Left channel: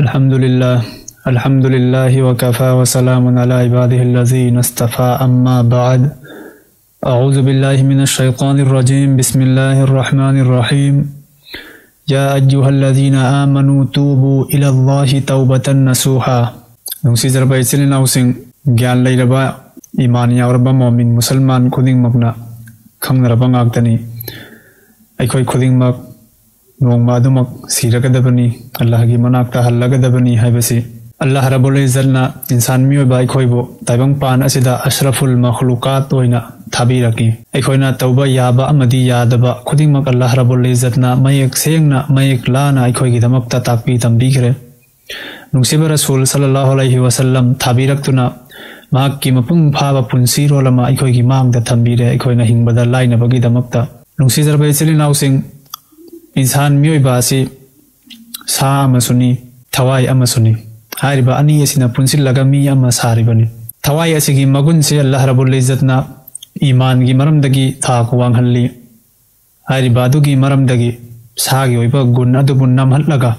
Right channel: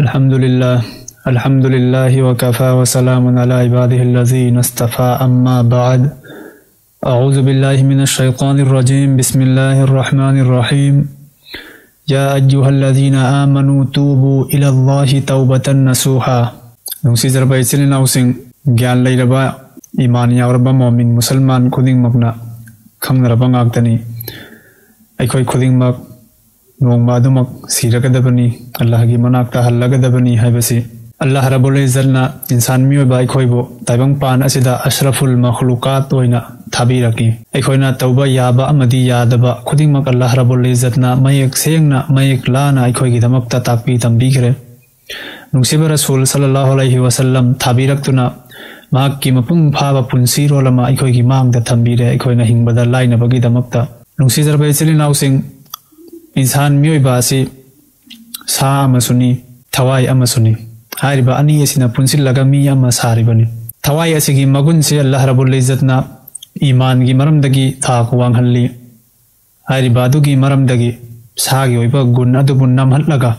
Alhamdulillah wa kafa wa salamun ala ibadihi alladhina istafa amma ba'd. A'udhu billahi minash shaitanir rajim. Bismillahir rahmanir rahim. Ya ayyuhalladhina amanu tubu ila Allahi tawbatan nasuha. Nungsi zarbai silin ausing gyan lairaba iman yauraba mu'min musulman khuding magna khamnaraba ngagtani aikhoi khuding mag Numadumak siragadabani Allah gi manakta hallagadabani habasi Allah rabbul izzatna insan miyo bai khoibo taibang pan asida ashraful makhluqat oina thabiraki aikhoina tauba yaba amadi yadaba khuding mak Allah rabbul izzatna mayek sengna mayek lana aikhoi gi damakta takpi tambigre nungsiba rasul sallallahu alaihi wasallam thabiraktuna mahakki mapung phaba punsiro lama aikhoi gi mangda tambire aikhoina hingbada laina bagi damakta nungsi zarbai silinaw sing इंसान मियोइबासी सा अमसुनी थवाई अमसुनी हारिबा अनि सिना पुंसिल लगा मी अमा सारिबनी थवाई असिगी मगुन से अल्लाह रब्बुल इज्जतना ईमान गी मरमदगी थाक वांगहल्ली हारिबा दुगी मरमदगी सागी ओइबा गुण अदुबु नमहल्लगा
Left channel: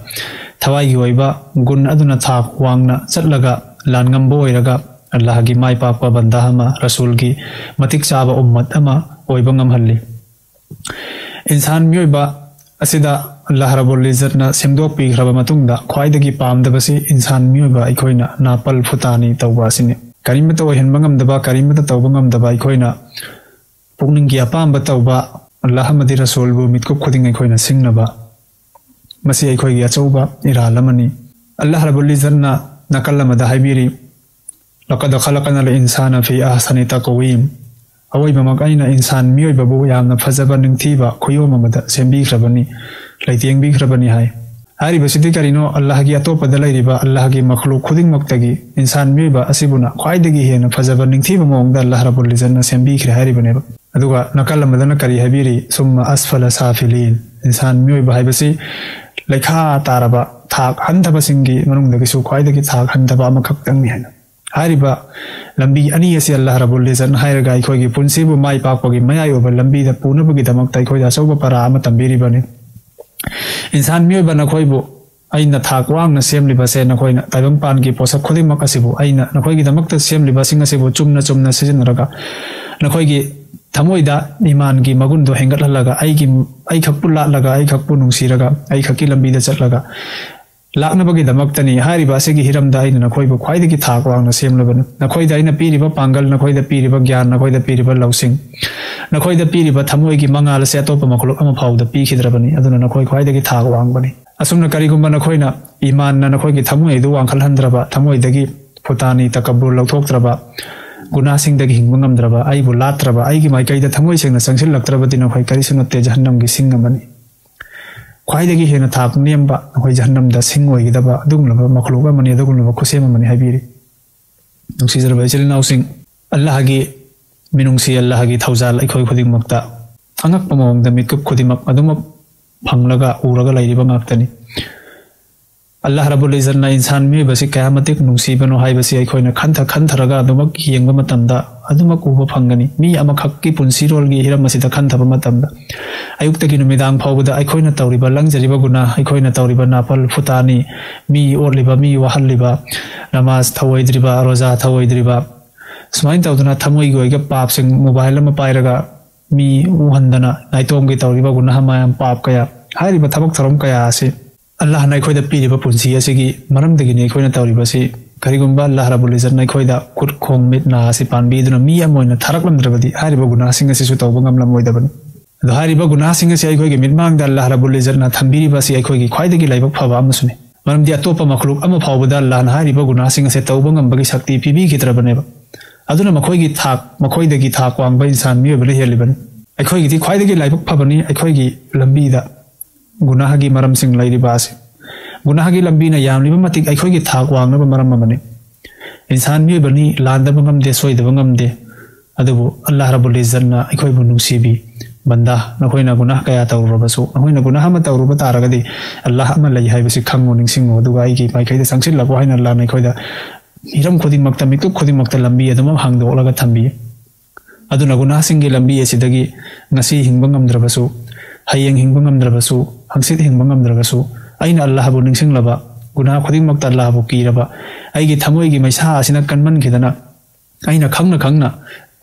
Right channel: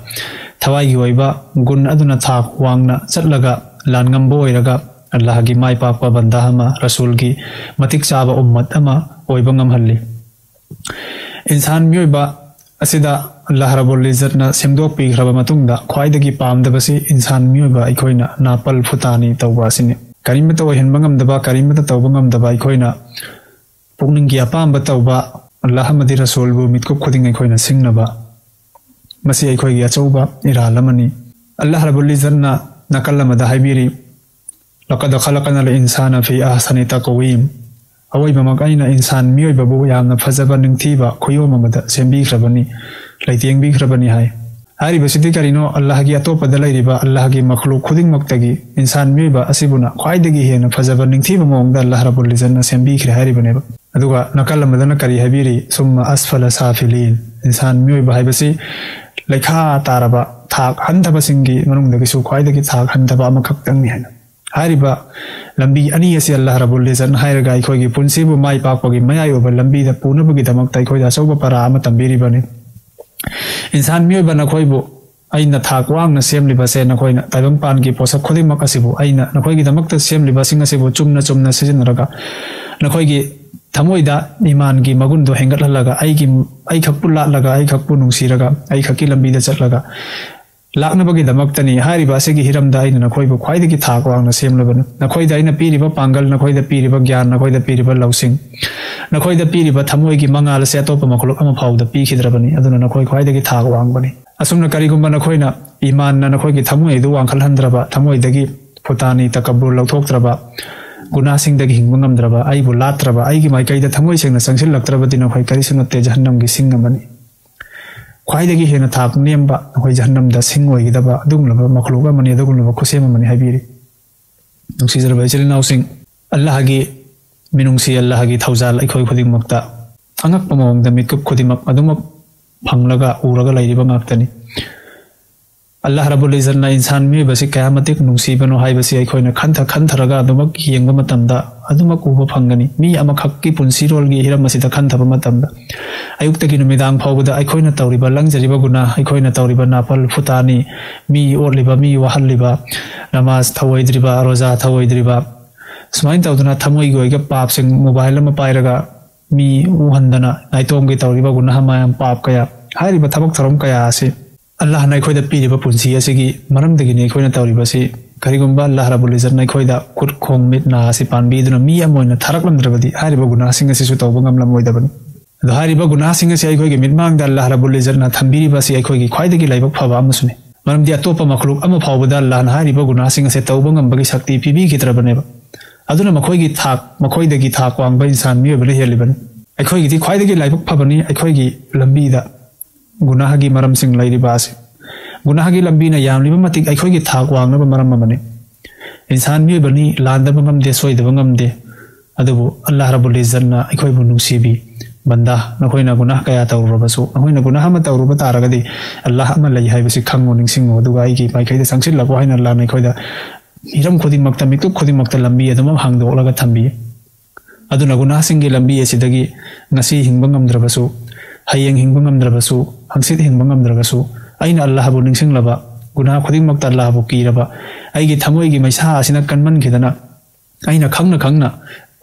थवाई गी ओइबा गुण अदुना थाक वांगना चटलगा लानगंबो ओइरगा अल्लाह गी माई पाकपा बंदा हमा रसूल गी मतिक चाबा उम्मत अमा ओइबा ngамहल्ली इंसान मियोइबा असिदा अल्लाह रब्बुल इज्जतना सेमदोक पीख्रबा मतुंगदा ख्वाइदगी पामदबसे इंसान मियोबा अखोइना नापल फुतानी तौबासिने करिमत वहिनबा ngamdaba करिमत तौबा ngamdaba अखोइना पुगनिंगी अपामबा तौबा अल्लाह मदि रसूल बु मितको खुदिंग अखोइना सिंगनबा मसे अखोइगी अचौबा इरालमनी अल्लाह रब्बुल इज्जतना नकलमदा हाइबिरी लक़द खलक़नल इंसाना फी अहसनि तक़वीम अवइबा मगाइना इंसान मियोइबाबु यामना फजबा निंगथिबा खोयोममदा सेमबिख्रबनी लाइतेंगबिख्रबनी हाय हारिबसिदि करिनो अल्लाह गी अतोपदा लैरिबा अल्लाह गी मखलूक खुदिंगमक्तगी इंसान मियोइबा असिबुना ख्वाइदगी हेना फजबा निंगथिबा ममदा अल्लाह रब्बुल इज्जतना सेमबिख्रे हारिबनेबा अदुगा नकलमदना करि हाबिरी सुम्मा अस्फला साफिलिन इंसान मियोइबा हाइबसि लेखा तारबा थाक हंदबसिंगी मनुंगदगी सु ख्वाइदगी थाक हंदबा अमखक्तंगनि हेना हारिबा लंबी अनि असे अल्लाह रब्बुल इज्जत हायरगा अखोइगी पुंसिबु माइ पाकपगी मयायोबा लंबी दा पुनबगी दमकता अखोइदा सौबा परा अमा तंबिरिबने इंसान मियोबा नखोइबु अइना थाक वांगना सेमलिबा से नखोइना ताइबंग पानगी पोसक खुदिमक असिबु अइना नखोइगी दमकता सेमलिबा सिंग असिबु चुमना चुमना सिजिनरगा नखोइगी थमुइदा ईमानगी मगुनदो हेंगटलगा आई खप्पु लालगा आई खप्पु नुसिरगा आई खक्की लंबीदा चलगा लाखनबगी दमक्तनी हारिबा असिगी हिरमदा अइना नखोइबु ख्वाइदगी थाक वांगना सेमलबनी नखोइदा अइना पीरिबा पांगल नखोइदा पीरिबा ज्ञान नखोइदा पीरिबा लौसिंग नखोइदा पीरिबा थमोइगी मंगाल से अतोप मखलुक अमा फाउदा पीखिद्रबनी अदुना नखोइ ख्वाइदगी थाक वांगबनी असुमना करिगुम्बा नखोइना ईमान ना नखोइगी थमोइदु वांखलहंद्रबा थमोइदगी फुतानी तकब्बुर लौथोक्त्रबा गुनासिंगदगी हिंगबा ngamद्रबा आइबु लात्रबा आइगी माइकैदा थमोइसंना संसिलक्त्रबदि नखोइ करिसुना ते जहन्नमगी सिंगमनी ख्वाइदगी हेना थाक नेमबा अखोइ जहन्नमदा सिंगोइगदबा अदुगुलबा मखलुक अमनि अदुगुलबा खुसेम अमनि हाबिरि नुसिजरबा इचलिनाउसिंग अल्लाहगी मिनुंगसी अल्लाहगी थौजाल अखोइ खुदिंगमक्ता अङक्पा मवंगदा मिकप खुदिमक अदुमक फंगलगा उरगा लैरिबा ngaptani अल्लाह रब्बुल इज्जतना इंसान मियोइबसे कयामतिक नुंसीबनो हाइबसे अखोइना खंथरगा अदुमक हियंगबा मतमदा अदुमक उबा फंगनी मी अमखक्की पुंसिरोलगी हिरमसिदा खंथबा मतमदा अयुक्तगी नुमिदांग फाउबदा अखोइना तौरिबा लंगजरिबा गुना अखोइना तौरिबा नापल फुतानी मी ओरलिबा मी वहल्लिबा नमाज थवइद्रिबा रोजा थवइद्रिबा सुमाइन तौदना थमोइगी ओइगी पापसिंग मोबाइल अमा पाइरगा मी उहंदना नाइतोंगी तौरिबा गुना हमायम पाप कया हारिबा थबक थरम कया आसे अल्लाह ना अखोइदा पीरिबा पुंसी असिगी मरमदगी नि अखोइना तौरिबासि करिगुम्बा अल्लाह रब्बुल इज्जतना अखोइदा कुट खोंग मिटना असि पानबीदुना मी अमोइना थरकलंद्रिबदि हारिबा गुनासिंग असिसु तौबा ngamlamoidabani हारिबा गुनासिंग से अखोइगी मिटमांगदा अल्लाह रब्बुल इज्जतना थंबिरिबासि अखोइगी ख्वाइदगी लाइबक फबा अमसुनि मरमदि अतोपा मखलुक अमा फाउबदा अल्लाह ना हारिबा गुनासिंग से तौबा ngambagi शक्ति पिबिखिद्रबनेबा अदुना मखोइगी थाक मखोइदगी थाक वांगबा इंसान मियोबले हेलिबनि अखोइगी ख्वाइदगी लाइबक फबनि अखोइगी लंबीदा गुनाहगी मरमसिंग लाइरिबासे गुनाहगी लंबीना यामलिबा मतिक अखोइगी थाक वांगना मरमबने इंसान मियोबनि लांदबा ngamde सोइदबा ngamde अदुबु अल्लाह रब्बुल इज्जतना अखोइबु नुंसीबी बंदा नखोइना गुनाह कया तौरबसु नखोइना गुनाह अमा तौरबा तारगदि अल्लाह अमा लೈ हाइबसि खंगु निंसिंगो अदुगा आइगी माइखैदा संसिलबो हाइना अल्लाह नखोइदा हिरम खुदिमक्ता मितु खुदिमक्ता लंबी अदुम हांगदोलगा थंबी अदुना गुनाहसिंगी लंबी असिदगी ngasi hinba ngamdrabasu hayeng hinba ngamdrabasu hangsit hinba ngamdrabasu aina Allah bu ningsinglaba गुनाह खुदिमक अल्लाह बु कीरबा अइगी थमोइगी मैसा असिना कन्मन खिदना अइना खंगना खंगना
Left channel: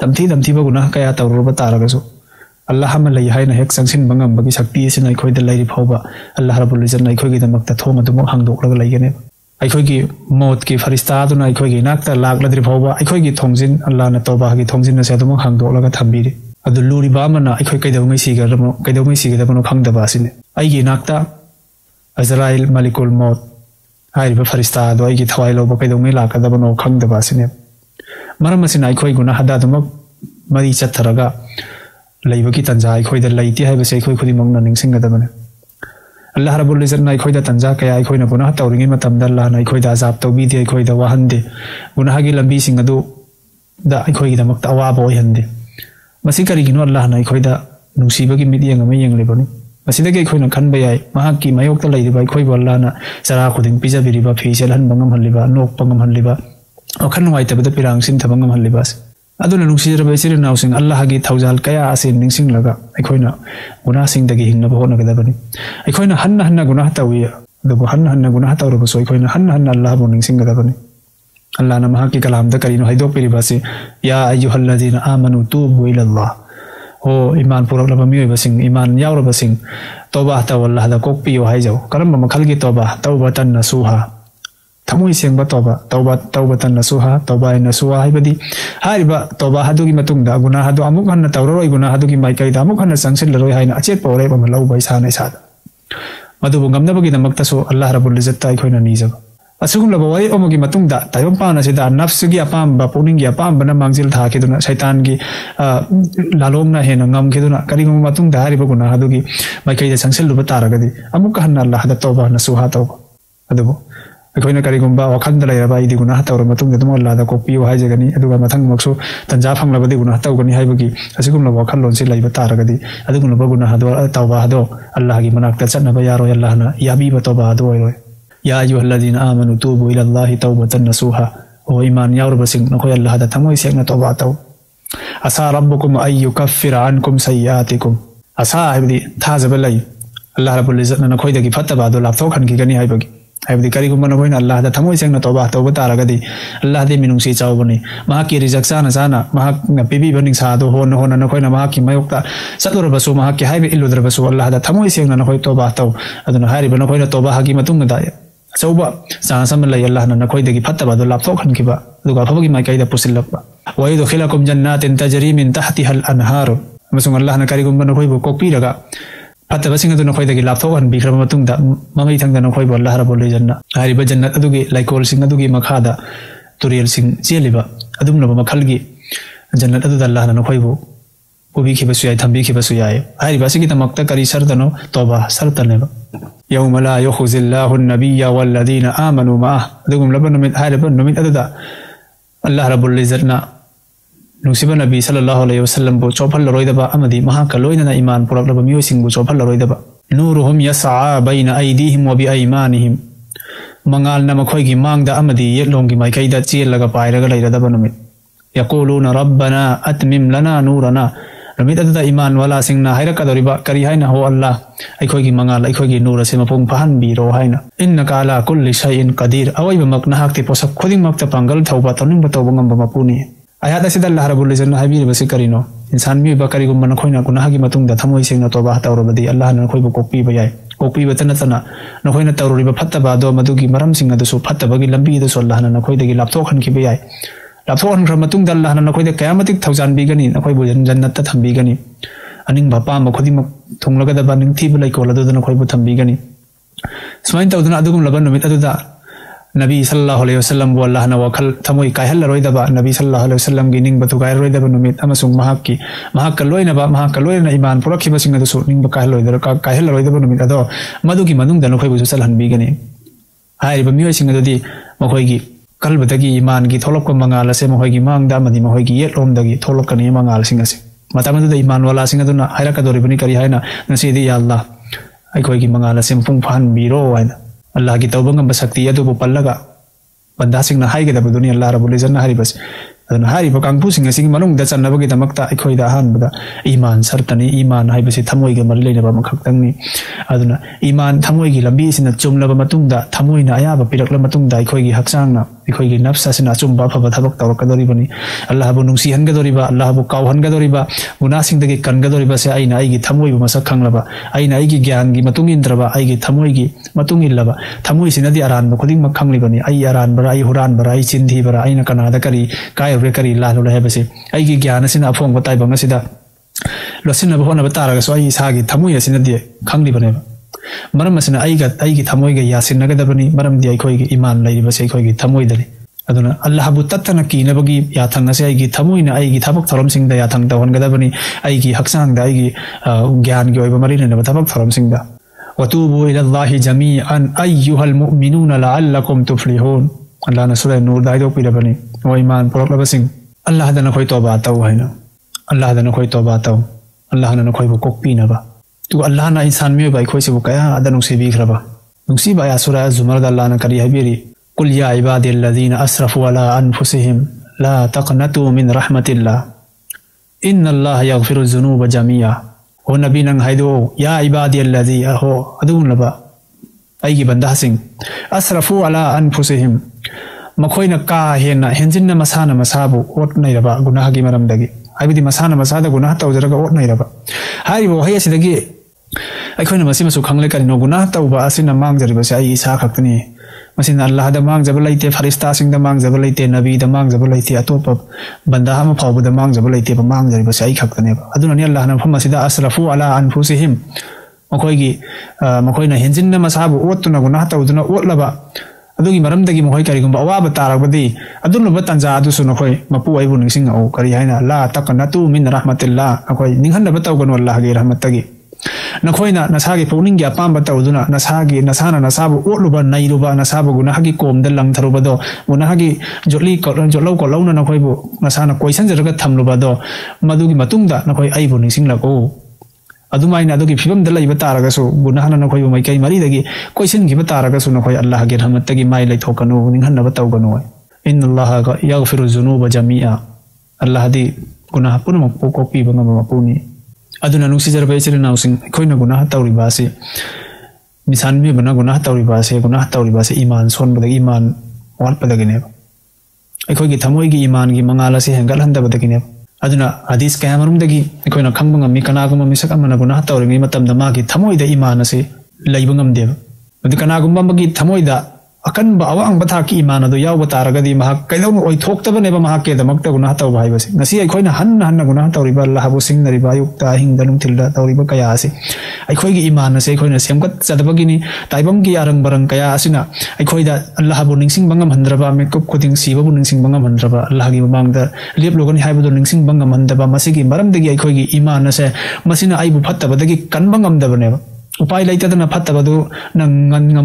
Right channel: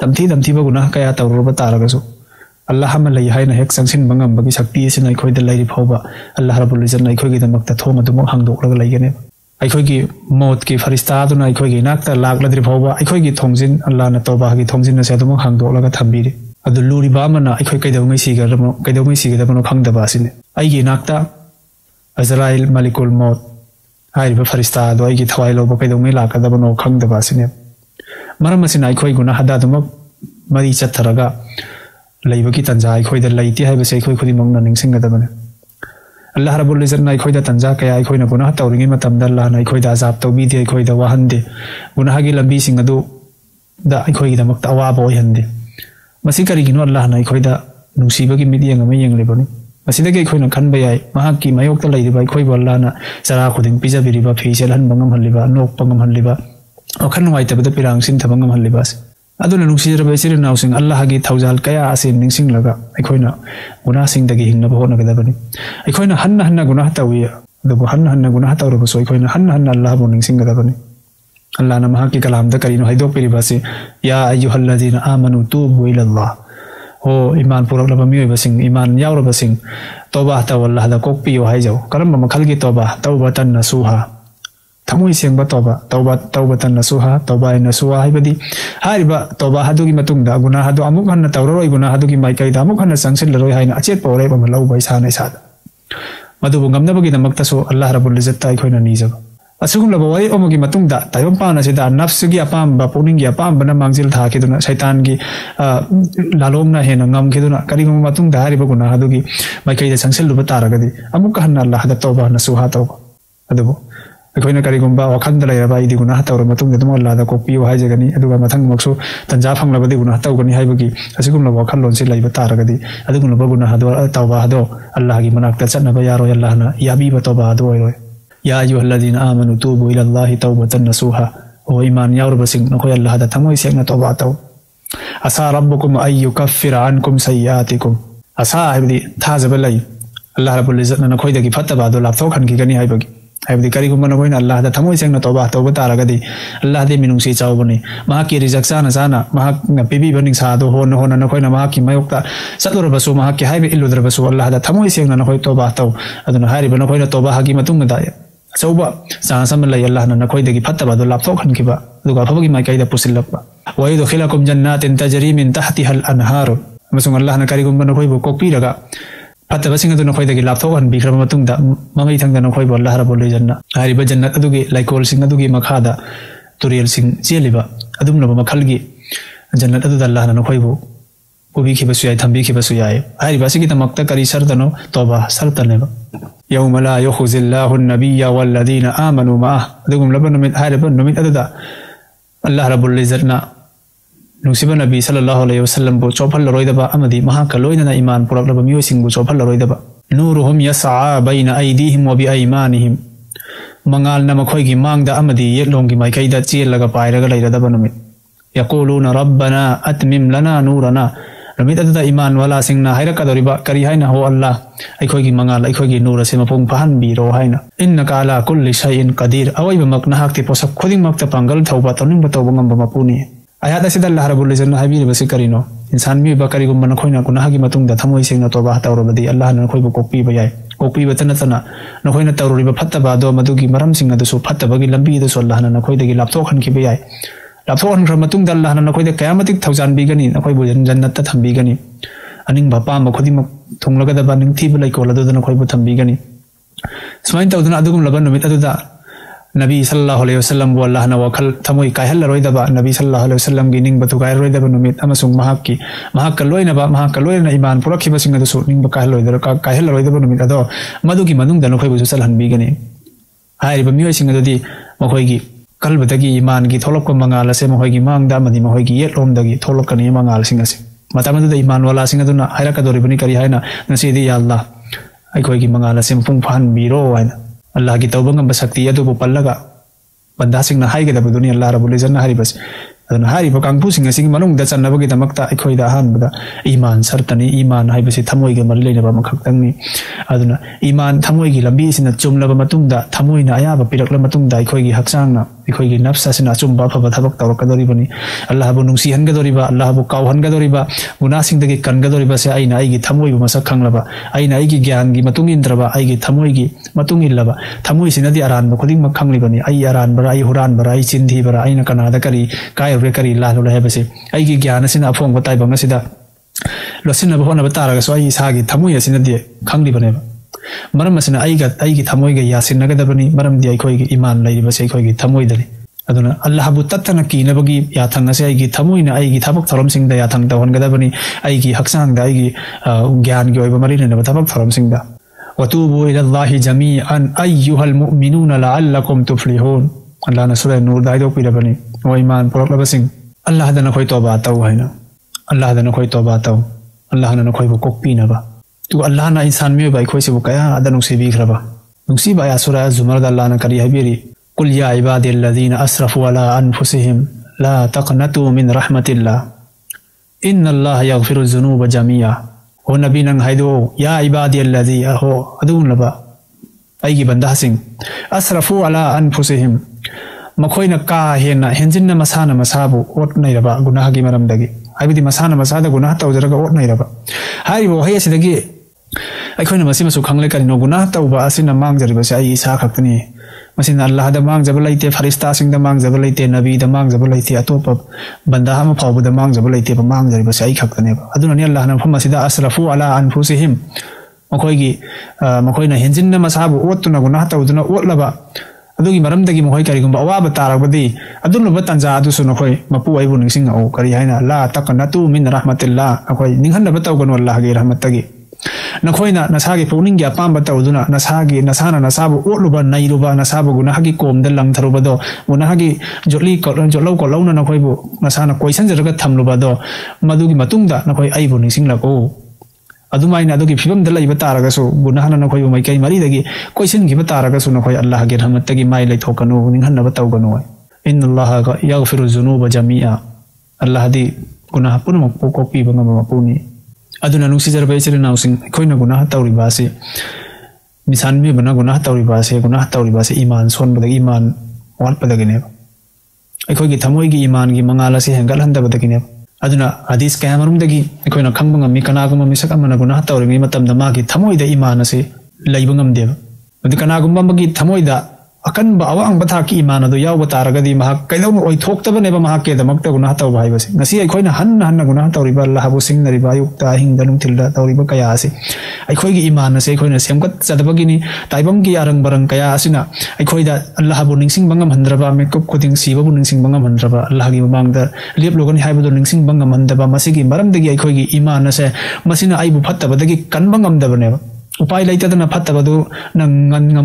तमथी गुनाह कया तौरबा तारगसु अल्लाह हम लई हाइना हेक सेंसिन बंगम बगी शक्ति असिना अखोइदा लैरि फौबा अल्लाह रब्बुल इज्जत ना अखोइगी दमकता थोंग अदुम हांगदोकलगा लैगने अखोइगी मौत की फरिश्ता अदुना अखोइगी नाकता लागलद्रि फौबा अखोइगी थोंजिन अल्लाह ना तौबा की थोंजिन असे अदुम हांगदोकलगा थंबिरि अदु लुरिबा अमना अखोइ कैदौमै सिगरबो खंगदबा असिने अइगी नाकता अजराइल मलिकुल मौत हाइबा फरिश्ता अदु अइगी थवाइ लौबा कैदौमै लाकदबनो खंगदबा असिने मरम असिना अखोइ गुनाह हदादुमक मरि चथरगा लैबकी तंजा अखोइदा लैति हाइबसे अखोइ खुदिमकना निंगसिंगदबने अल्लाह रब्बुल इज्जत ना अखोइदा तंजा कया अखोइना गुनाह तौरिगे मतमदा अल्लाह ना अखोइदा अजाब तौबीदे अखोइदा वाहनदे गुनाह की लंबी सिंग अदु दा अखोइगिदमकता अवाबा ओइहंदे मसी करिगिनो अल्लाह ना अखोइदा नुसीबगी मिडियंग अमा यंगलेबनी मसीदगी अखोइना खनबा याय महाकि मयोक्ता लैरिबा अखोइबो अल्लाह ना जरा खुदिं पिजाबिरिबा फेसेल हनबा ngamhalliba lokpa ngamhalliba अखन नुवाइतबदा पिरांगसिन थबा ngamhalliba अदुना नुसीरबा इसिर नाउसिंग अल्लाह गी थौजाल कया असे निंसिंग लगा अखोइना गुनाह सिंगदगी हिंगना होनगदबनी अखोइना हन्ना गुनाह तौय अदुबो हन्ना गुनाह तौरबसो अखोइना हन्ना अल्लाह बो निंसिंगदबनी अल्लाह ना महाकि कलाम दा करिनो हाइदो पेरिबासे या अय्युहल्लज़ीना आमनु तूबू इलल्लाह हो ईमान पुरलबा मियबसिंग ईमान यावरबसिंग तौबा तव अल्लाह दा कोकपियो हाइजो करम मखलगी तौबा तौबतन नसूहा थमोइ सेंबा तौबतन नसूहा तौबा नसूहा हाइबदी हाइबा तौबा हदुगी मतुंगदा गुनाह हदु अमुक हन्ना तौररोइ गुनाह हदुगी माइकाइ दा अमुक हन्ना सांसन लरोइ हाइना अचे पौरे बम लौबा इसाना इसा मदुबो गमनबगी दमक्तसु अल्लाह रब्बुल इज्जत ताइ खोइना निजब असुगुम वै उमगी मतुंगदा तायम पाना सेदा नफ्सगी अपाम पुनिंगी अपाम बना मांगजिल थाकिदना शैतान की लालोमना हेन नमखिदना करिम मतुंगदा हारिबो गुना हदुगी माइकैदा संसेलुबा तारगदी अमुक हन्ना अल्लाह दा तौबा नसुहा तौबा अदबो अखोइना करिगुम्बा वखंद लैरबा इदि गुना तौर मतुंगदा दम अल्लाह दा कोपियो हाइजगनी अदुगा मथंग मक्सु तंजा फंगलबदि गुना तौगनी हाइबगी असुगुम वखन लोनसे लैबा तारगदी अदुगुम गुना हदो तौबा हदो अल्लाह की मनाक्ता चनबा यारो अल्लाह ना याबीबा तौबा हदो होय या अय्युहल्लज़ीना आमनु तूबू इलल्लाहि तौबतन नसूहा ओ ईमान यावरबसिंग नखुन अल्लाह दा तमोइ सेंगना तौबा तौ असा रब्बुकुम अय्युकफ्फिर अन्कुम सय्यातिकुम असा हबदी थाजब लै अल्लाह रब्बुल इज्जत ना नखोइदगी फत्तबा दो लापथो खनगिगनी हाइबगी हाइबदी करिगुम नखोइन अल्लाह दा तमोइ सेंगना तौबा तौबा तारगदी अल्लाह दी मिनुंगसी चावबने महाकि रिजक चाना महाक पिबी बनिंग सादो होन नखोइना महाकि मयोक्ता सतुरबसु महाकि हाइबे इलुद्रबसु अल्लाह दा तमोइ सेंगना नखोइ तौबा तौ अदना हारिबा नखोइना तौबा हागी मतुंग दा सोबा सासम लय अल्लाह ना नखोइदगी फत्तबा दो लापथो खनगिबा दुगा फबगी माइकैदा पुसिलबा व यदखिलकुम जन्नातिन तजरी मिन तहतिहा अल अनहार मसुंग अल्लाह ना करिगुम नखोइबो कोपिरगा फत्तबसिंग अदु नखोइदगी लापथो खनबिख्रब मतुंगदा ममै थंगदा नखोइबो अल्लाह रब्बुल इज्जतना हारिबा जन्नत अदुगी लाइकोल सिंग अदुगी मखादा तुरियल सिंग चेलिबा अदुम लमा मखलगी जन्नत अदु अल्लाह ना नखोइबो कोबी खिबसु याय थंबी खिबसु याय हारिबा सिगी तमक्ता करि सरदनो तौबा सरतलेबा यौम ला युखजिल्लाहु अन्नबिय्य वल्लज़ीना आमनु मअह अदुगुम लबन में हारिबा नमित अदुदा अल्लाह रब्बुल इज्जतना नुसिबा नबी सल्लल्लाहु अलैहि वसल्लम को चौफल लरोइदबा अमदी महा कलोइना ईमान पुरलबा मियोसिंग को चौफल लरोइदबा नूरुहुम यसआ बैना अयदीहिम व बिअयमानिहिम मंगाल न मखोइगी मांगदा अमदी येलोंगी माइकैदा चेलगा पाइरगा लैरदबा नमित यक़ूलूना रब्बना अतमिम लना नूरना रमित अदुदा ईमान वाला सिंगना हाइरकदरिबा करि हाइना हो अल्लाह अखोइगी मंगाल अखोइगी नूर से मपुंग पहन बिरो हाइना इन्नका अला कुल्लि शैइन कदीर अवैबा मकनाहक्ति पोसक खुदिमक्ता पंगल थौबा तनिम तौबा ngamba mapuni आयात असिदा अल्लाह रब्बुल इज्जत हाइबि बसे करिनो इंसान मी बकरिगुम नखोइनो गुनाहगी मतुंगदा थमोइ सिंगना तौबा तौरबदि अल्लाह न नखोइबो कोपि बयाय कोपि बतनतना नखोइना तौरिबा फत्तबा दो मदुगी मरम सिंग अदुसु फत्तबगी लंबी दसु अल्लाह न नखोइदगी लापथोखन की बयाय लापथोखन ख मतुंगदा अल्लाह न नखोइदा कयामतिक थौजान बिगनी नखोइबो जन्नत थंबिगनी अनिंग बापा मखुदि थोंलगदबा निंथि बुलाइकोला दो नखोइबो थंबिगनी सोइन तौदना अदुगुम लबन नमित अदुदा नबी सल्लल्लाहु अलैहि वसल्लम वो अल्लाह ना वखल थमोइ कहल रोइदबा नबी सल्लल्लाहु अलैहि वसल्लम गी निंग बतु गाय रोइदबा नुमित अमसुंग महाक लोइना ईमान पुरखि मसिंग अदु सो निंग कहल रोइदबा नुमित अदो मदुगी मनुंग दन खोइबु सलहन बिगने हाइबा मियोइ सिंग अदुदि मखोइगी कलबदगी ईमान गी थोलक मंगाल से मखोइगी मांगदा मदि मखोइगी येलोमदगी थोलकनि मंगाल सिंग असे मतमदि ईमान वाला सिंग अदुना हाइरकदोरिबनि करि हाइना नसिदि या अल्लाह अखोइगी मंगाल से पुंग फहन बिरो होइना अल्लाह की तौबा ngamba शक्ति अदुबो पल्लगा बंदा सिंगना हाइगदबदुनि अल्लाह रब्बुल इज्जत ना हारिबस aduna hariba kangpusing asing manungda channabagidamakta aikoida ahanbada iman sartani iman haibasi thamoiga mari leiraba makhaktangni aduna iman thamoigi lambi sina chumlaba matungda thamoina ayaba pirakla matungda aikoigi haksangna aikoigi nafsa sina chumba phaba thabak tawkadoribani Allah bu nungsi hangadoriba Allah bu kaw hangadoriba munasingdagi kangadoriba se aina aigi thamoi masak khanglaba aina aigi gyan gi matung indraba aigi thamoigi matung illaba thamoi sinadi aran ba koding makhanglibani ai aran bara ai huran bara ai chindhi bara aina kanada kari kai kari la lo habase aigi gyan asina afong batai bang asida lasuna ba hona batara so ai sagi thamoi asina di khanglibani maram asina aigi thamoi ga yasin nagadabani maram di ai khoigi iman lairiba se khoigi thamoi dani aduna Allah bu tattana kinabagi yathang ase aigi thamoina aigi thabuk thorom singda yathang tawon gadabani aigi haksang da aigi gyan gi oiba mari ne thabuk thorom singda watubu ila Allah jami'an ayyuhal mu'minuna la'allakum tuflihun Allah na sura nur dai do pinabani o iman porobasim Allah dana khoi toba taw haina Allah dana khoi toba taw Allah na khoi ko pina ba tu Allah na insan me bai khoi se ko kaya adanu se bi khraba nusi ba ya sura zumar da Allah na kari habiri قل يا عبادي الذين أسرفوا على أنفسهم لا تقنطوا من رحمة الله إن الله يغفر الذنوب جميعا ونبينا هيدو يا عبادي الذي أهو أدون نبا أي بنداسين أسرفوا على أنفسهم مكوين كاهنا هنزلنا مسانا مسابو أوتنا يربا قناها كي مرم دقي هاي بدي مسانا مسادا قناها توزرق أوتنا يربا هاي وهي سيدقي أكوين مسيبا سوكام لك أنه قناها توبا أسنا مانگ جربا سأي إسافة تني masina Allah da mang jabalaite farista sing da mang jabalaite nabi da mang jabalaite atopa banda ham phabu da mang jabalaite ba mang jari ba sai khakane aduna ni Allah na phuma sida asrafu ala anfusihim makoina henjinna masabu otuna guna tawduna otlaba adugi maramdagi makoi kari gumba awaba tarabadi aduna batanja adu suno koi mapu aibu ningsing o kari haina la taqnatu min rahmatillah makoi ninghanna bataw ganu Allah gi rahmatagi nakoina nasagi pawning gi apamba tawduna nasagi nasana nasabu otluba nairuba nasabu guna hagi komda langtharuba do guna hagi joli ko lona nakoi bu nasana question jerga thamluba do madugi matungda nakoi aibu ningsing lako adumaina adugi film da laiba taragasu guna hana nakoi mai kai mari dagi question gi bataragasu nakoi Allah gi rahmatagi mai lai thokanu ninghanna bataw ganu inna Allah yaghfiru dhunuba jami'a Allah di guna hapunu ko pi ba mapuni aduna nuksi jarba ichile nausing koina guna tawri base misan me bana guna tawri base iman son badagi iman wan padagine ai gi thamoi gi iman gi mangala se hengal handa badagine aduna hadis kamarum dagi koina khambanga mi kana guma mi sakamana guna tawri mi matam da ma gi thamoi da iman ase laibangam deba adi kana guma magi thamoi da akan ba awang batha ki iman adu yaw bataragadi ma kailo oi thokta ne ba ma ke da makta guna taw bai base nasi ai koina han guna tawri ba Allah bu sing nari ba yukta hingalum tilda tawri ba kaya ase ai gi iman ase koina semkat sadabagi ni taibam gi yarang barang kaya asina ai da Allah bu ningsing bangam handraba me kop khoding siba bu ningsing bangam handraba Allah gi bang da rep logani hai bu ningsing bangam handraba masigi maram degi ai gi iman ase masina ai bu phatta badagi kan bangam da bane upai laita da phatta badu nang